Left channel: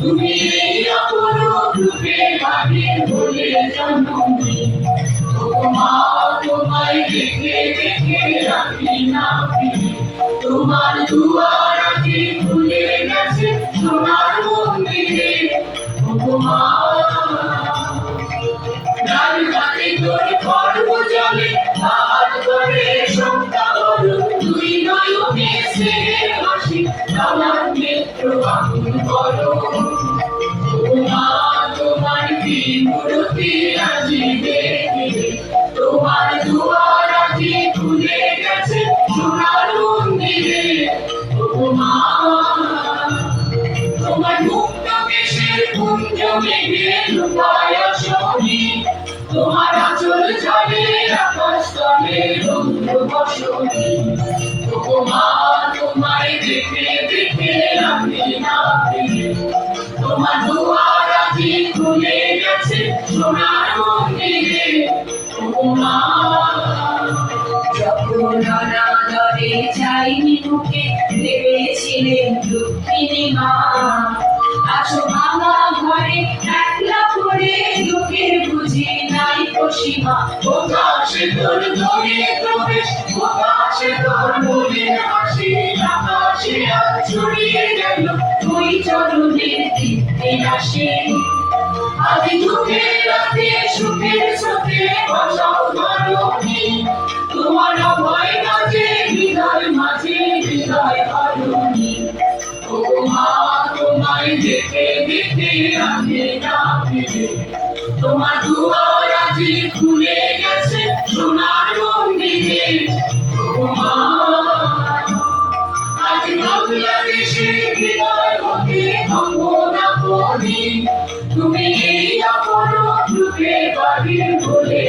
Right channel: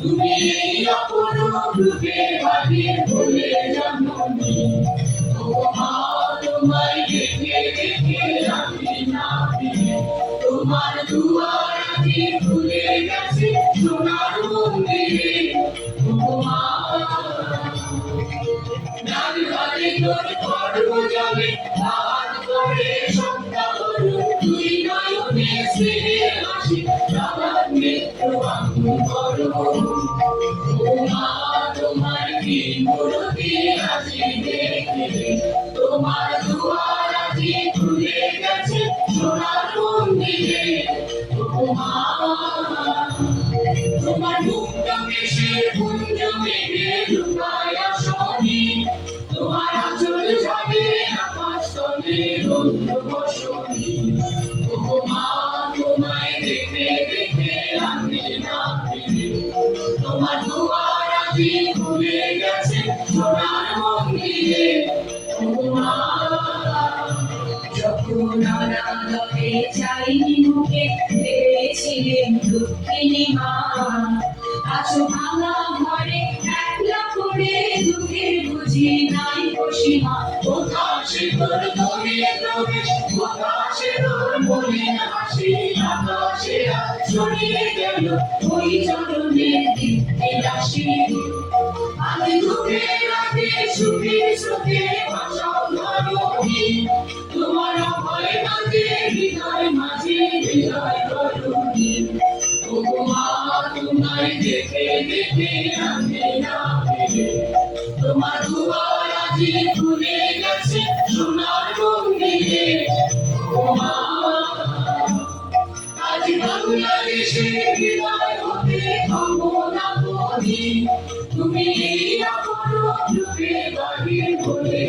তুমি এই অপরূপ রূপে বাহির হলে জননী। ওগো মা, তোমায় দেখে দেখে রাখি না ফিরে, তোমার দুয়ার আজি খুলে গেছে সোনার মন্দিরে। ওগো মা, ডাল ভাতে তোর খড়গ জলে ভাত করে সন্ধ্যা হলো, তুই নয়নে স্নেহের হাসি আমার নেত্র বাহুল করো। ওগো মা, তোমার কি মূরতি আজি দেখে, তোমার দুয়ার আজি খুলে গেছে সোনার মন্দিরে। ওগো মা, তোমার মুক্ত কেশের কুঞ্জ মেঘে লুকায় শনি, তোমার আঁচল জলে আকাশ তলে রৌদ্র বসনি। ওগো মা, তোমায় দেখে দেখে রাখি না ফিরে, তোমার দুয়ার আজি খুলে গেছে সোনার মন্দিরে। ওগো মা, যখন অনাদরে চাইনি মুখে ভেবেছিলেন দুঃখিনী মা, আছো ভাঙা ঘরে একলা পড়ে দুঃখের বুঝি নাই সীমা। প্রকাশে তোর দরে প্রবেশ, প্রকাশে তোর মনের হাসি, আকাশে আজ ছড়িয়ে গেল ওই চরণের দীপ্তি রাশি। আজ দুঃখের রাতে সুখের স্রোতে ভাসাও ধরণী, তোমার অভয় কাজে হৃদয় মাঝে হৃদয় ধরণী। ওগো মা, তোমায় দেখে দেখে রাখে না ফিরে, তোমার দুয়ার আজি খুলে গেছে সোনার মন্দিরে। ওগো মা, আজ বাংলাদেশের হৃদয় হতে থামবো না কোনদিন, তুমি এই অপরূপ রূপে বাহির হলে